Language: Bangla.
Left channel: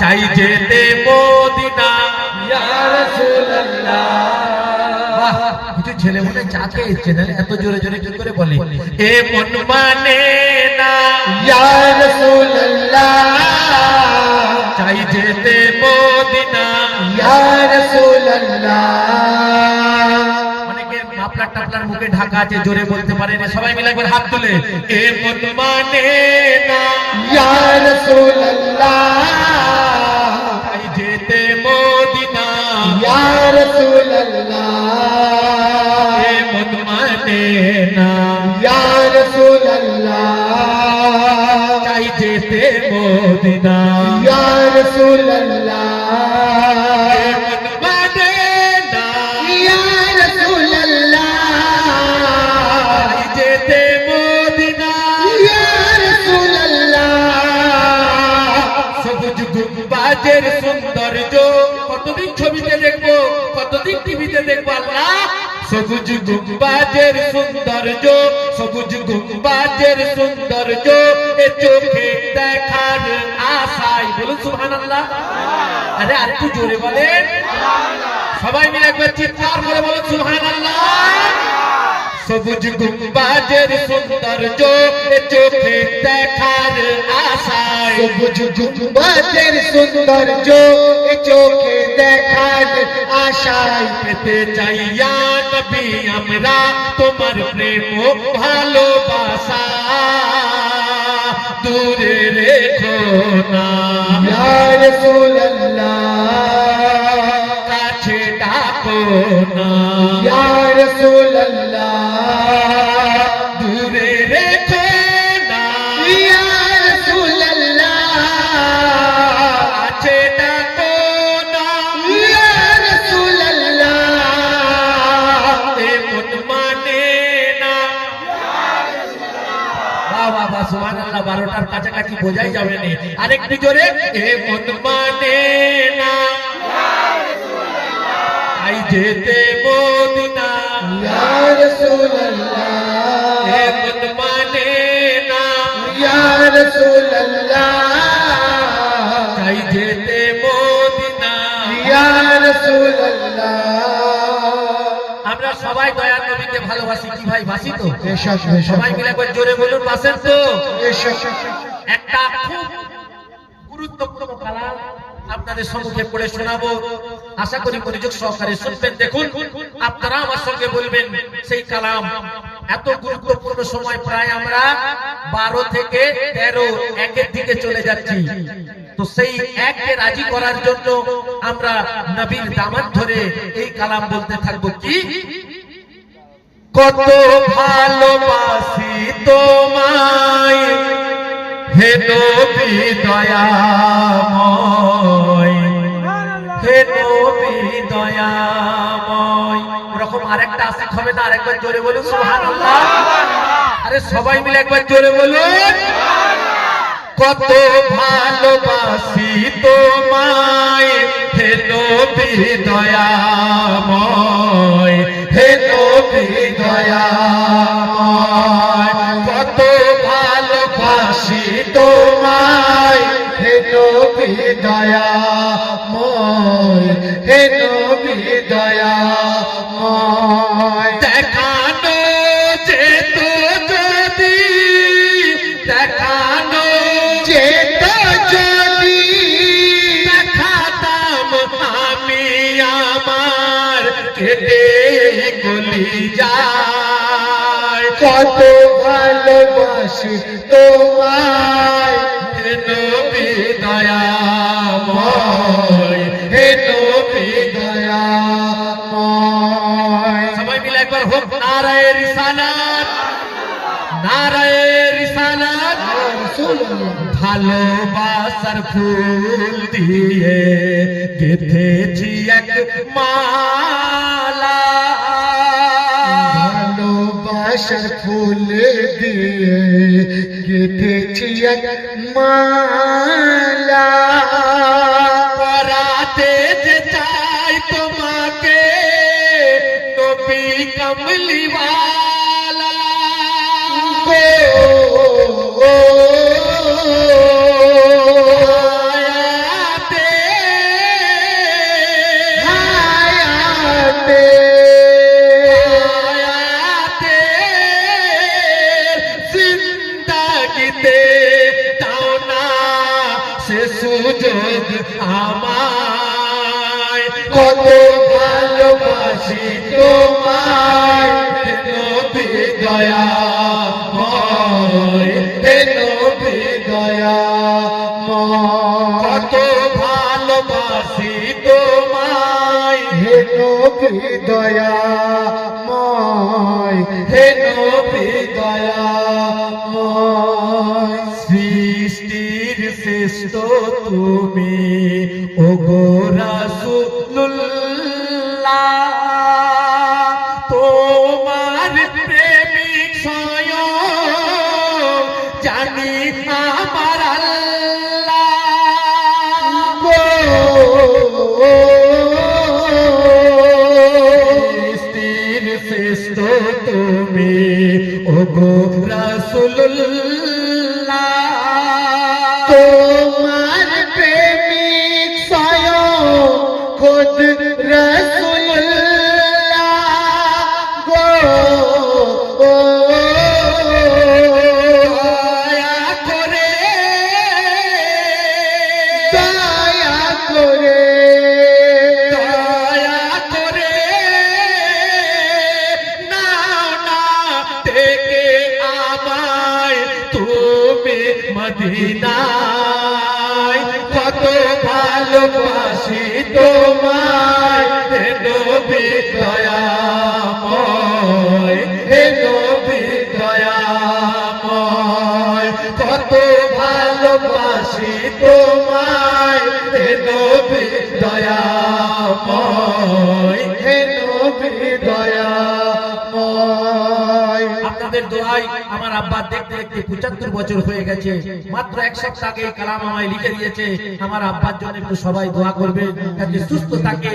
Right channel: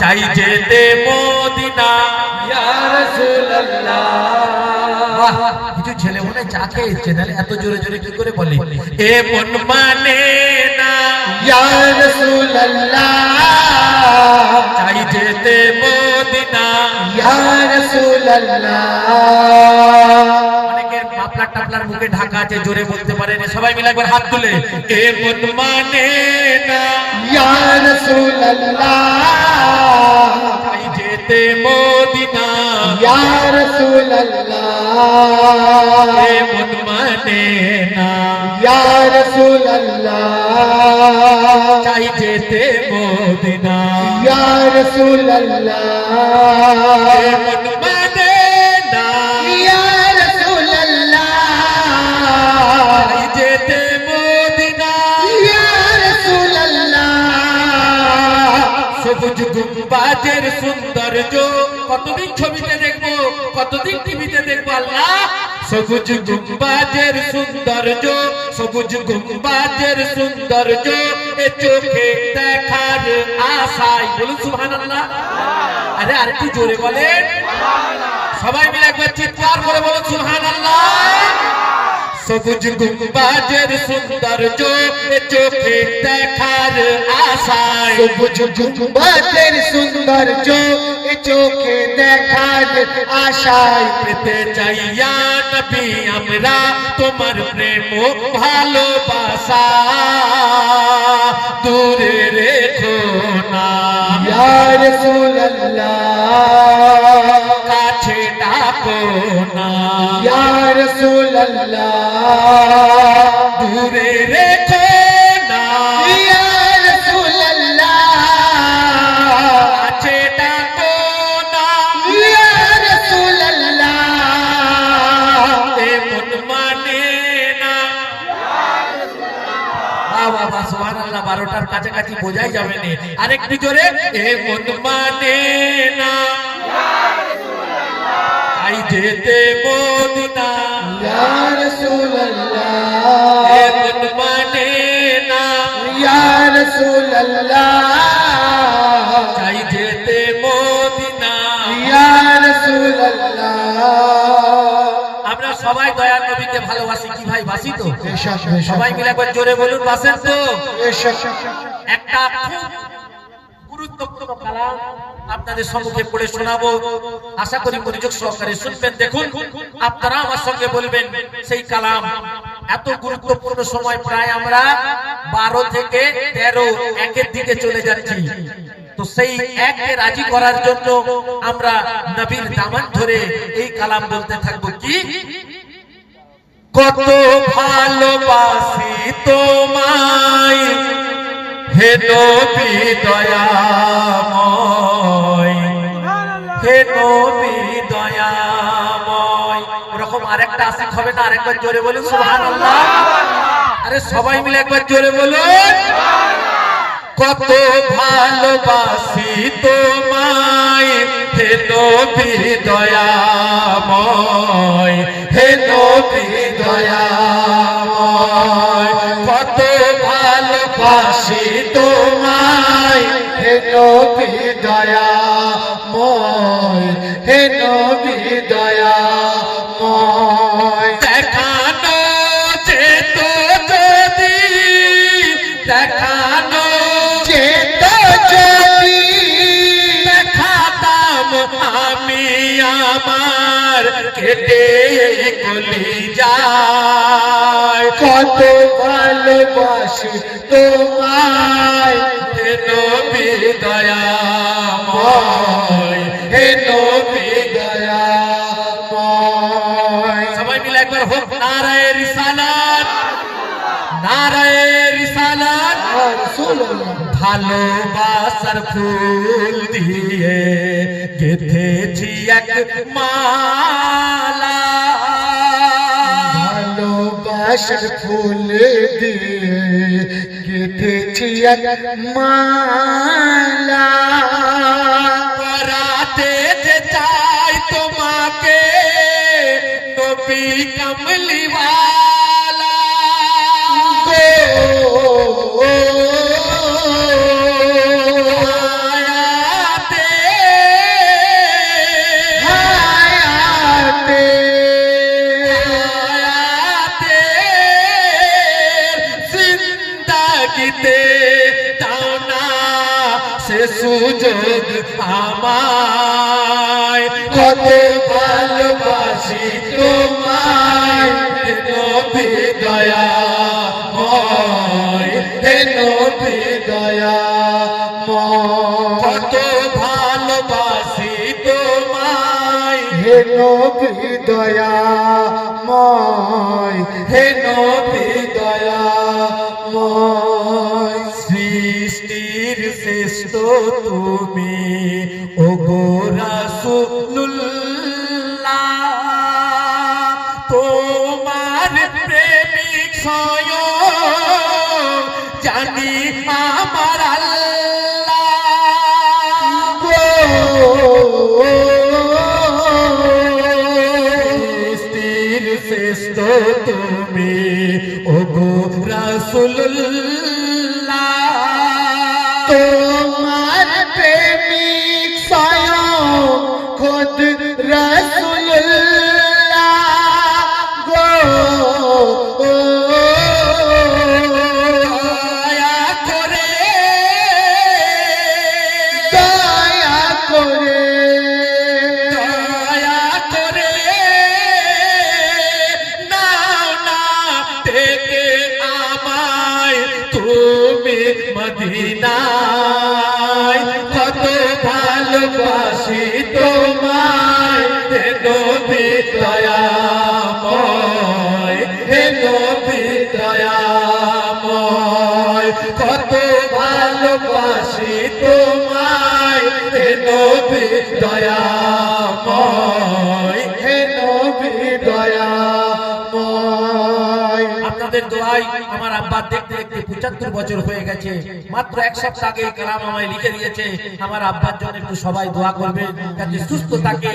চাই যেতে মদিনা ইয়া রাসূলুল্লাহ। বাহ, কিছু ছেলে মনে চা খেয়েছে না, এত জোরে জোরে কি করে বলে? এ মন মানে না ইয়া রাসূলুল্লাহ, চাই যেতে মদিনা। ইয়া রাসূলুল্লাহ। অনেকের মাফলার টাফলার মুখে ঢাকা আছে, জোরে বলতে পারে না। সবাই মিলে একবার হাত তুলে এ মন মানে না ইয়া রাসূলুল্লাহ, চাই যেতে মদিনা। ইয়া রাসূলুল্লাহ, এ মন মানে না ইয়া রাসূলুল্লাহ, চাই যেতে মদিনা। ইয়া রাসূলুল্লাহ, এ মন মানে না ইয়া রাসূলুল্লাহ, চাই যেতে মদিনা। ইয়া রাসূলুল্লাহ। সবুজ গুম্বাজের সৌন্দর্য কতদিন ছবিতে দেখবো, কতদিন টিভিতে দেখবো আল্লাহ। সবুজ গুম্বাজের সৌন্দর্য, সবুজ গুম্বাজের সৌন্দর্য এ চোখে দেখার আশায়। বলুন সুবহানাল্লাহ। আরে আর একটু জোরে বলেন, সবাই মিলে একবার চিৎকার করে বলুন সুবহানাল্লাহ। সবুজ গুম্বাজের সৌন্দর্য এ চোখে দেখার আশায়। সবুজ গুম্বাজের সৌন্দর্য এ চোখে দেখার আশায়। পেতে চাইয়া নবী আমরা তোমার প্রেম ও ভালোবাসা, দূরে রেখো না ইয়া রাসূলুল্লাহ, কাছে ডাকো না। ইয়া রাসূলুল্লাহ, দূরে রেখো না ইয়া রাসূলুল্লাহ, কাছে ডাকো না। ইয়া রাসূলুল্লাহ। এ মন মানে না। বাহ বাহ বাহ, সুবহানাল্লাহ। 12টার কাছাকাছি বোঝাই যাবে না, আরেকটু জোরে। এ মন মানে না চাই যেতে মদিনা। ইয়া রাসূলুল্লাহ, এ মন মানে না ইয়া রাসূলুল্লাহ, চাই যেতে মদিনা। ইয়া রাসূলুল্লাহ। আমরা সবাই দয়ার নবীকে ভালোবাসি কি ভাই, বাসি তো? এসব সবাই মিলে একবার জোরে বলুন, বাসেন তো? এসব একটা খুব গুরুত্বপূর্ণ কালাম আপনাদের সম্মুখে পড়ে শোনাবো, আশা করি মনোযোগ সহকারে শুনবেন। দেখুন, আপনারা আমার সঙ্গে বলবেন সেই কালাম। এত গুরুত্বপূর্ণ সময়, প্রায় আমরা 12 থেকে 13 একের দিকে চলে যাচ্ছি। তো সেই এককে রাজি করার জন্য আমরা নবীর দামান ধরে এই কালাম বলতে থাকবো। কি কত ভালোবাসি তোমায় হে নবী দয়াময়, হে নবী দয়াময়। এরকম আরেকটা আশিক হবে না? আরেকবার জোরে বলুন সুবহানাল্লাহ। আরে সবাই মিলে একবার জোরে বলুন। কত ভালোবাসি তোমায় হে নবী দয়াময়, হে নবী দয়াময়। কত ভালোবাসি তোমায় হে নবী দয়াময়, হে নবী দয়াময়। দেখানো যেত যদি, দেখানো যেত যদি দেখাতাম আমি আমার কেটে গলি যায়। কত ভালোবাসি তোমায় হে নবী দয়াময়, হে নবী দয়াময়। সবাই মিলে একবার হোক নারায়ে রিসালাত, নারায়ে রিসালাত। রাসূলুল্লাহ, ভালোবাসার ফুল দিয়ে গেঁথেছি এক মালা, ভালোবাসার ফুল দিয়ে গেঁথেছি এক মালা। পরাতে যে চাই তোমাকে নবী কমলিওয়ালা। গো সে সুযোগ আমায় কত ভালোবাসি তোমায় হে নবী দয়াময় হে নবী দয়াময় কত ভালোবাসি তোমায় হে নবী দয়াময় হে নবী দয়াময় সৃষ্টির শ্রেষ্ঠ তুমি ওগো রাসূলুল্লাহ তোমার প্রেমিক স্বয়ং জানি আমার আল্লাহ সৃষ্টির শ্রেষ্ঠ তুমি ওগো রাসূলুল্লাহ তোমার প্রেমিক স্বয়ং খোদ রাসূলুল্লাহ গো দয়া করে দয়া করে দয়া করে নাও না থেকে আমায় তুমি মদিনায় কত ভালোবাসি তোমায় হে নবী দয়াময় হে নবী দয়াময় কত ভালোবাসি তোমায় হে নবী দয়াময় হে নবী দয়াময় আপনাদের দোয়াই আমার আব্বা দেখতে দেখতে 75 বছর হয়ে গেছে মাত্র এক সপ্তাহ আগে এই কালাম আমায় লিখে দিয়েছে আমার আব্বার জন্য একটু সবাই দোয়া করবে যাতে সুস্থ থাকে।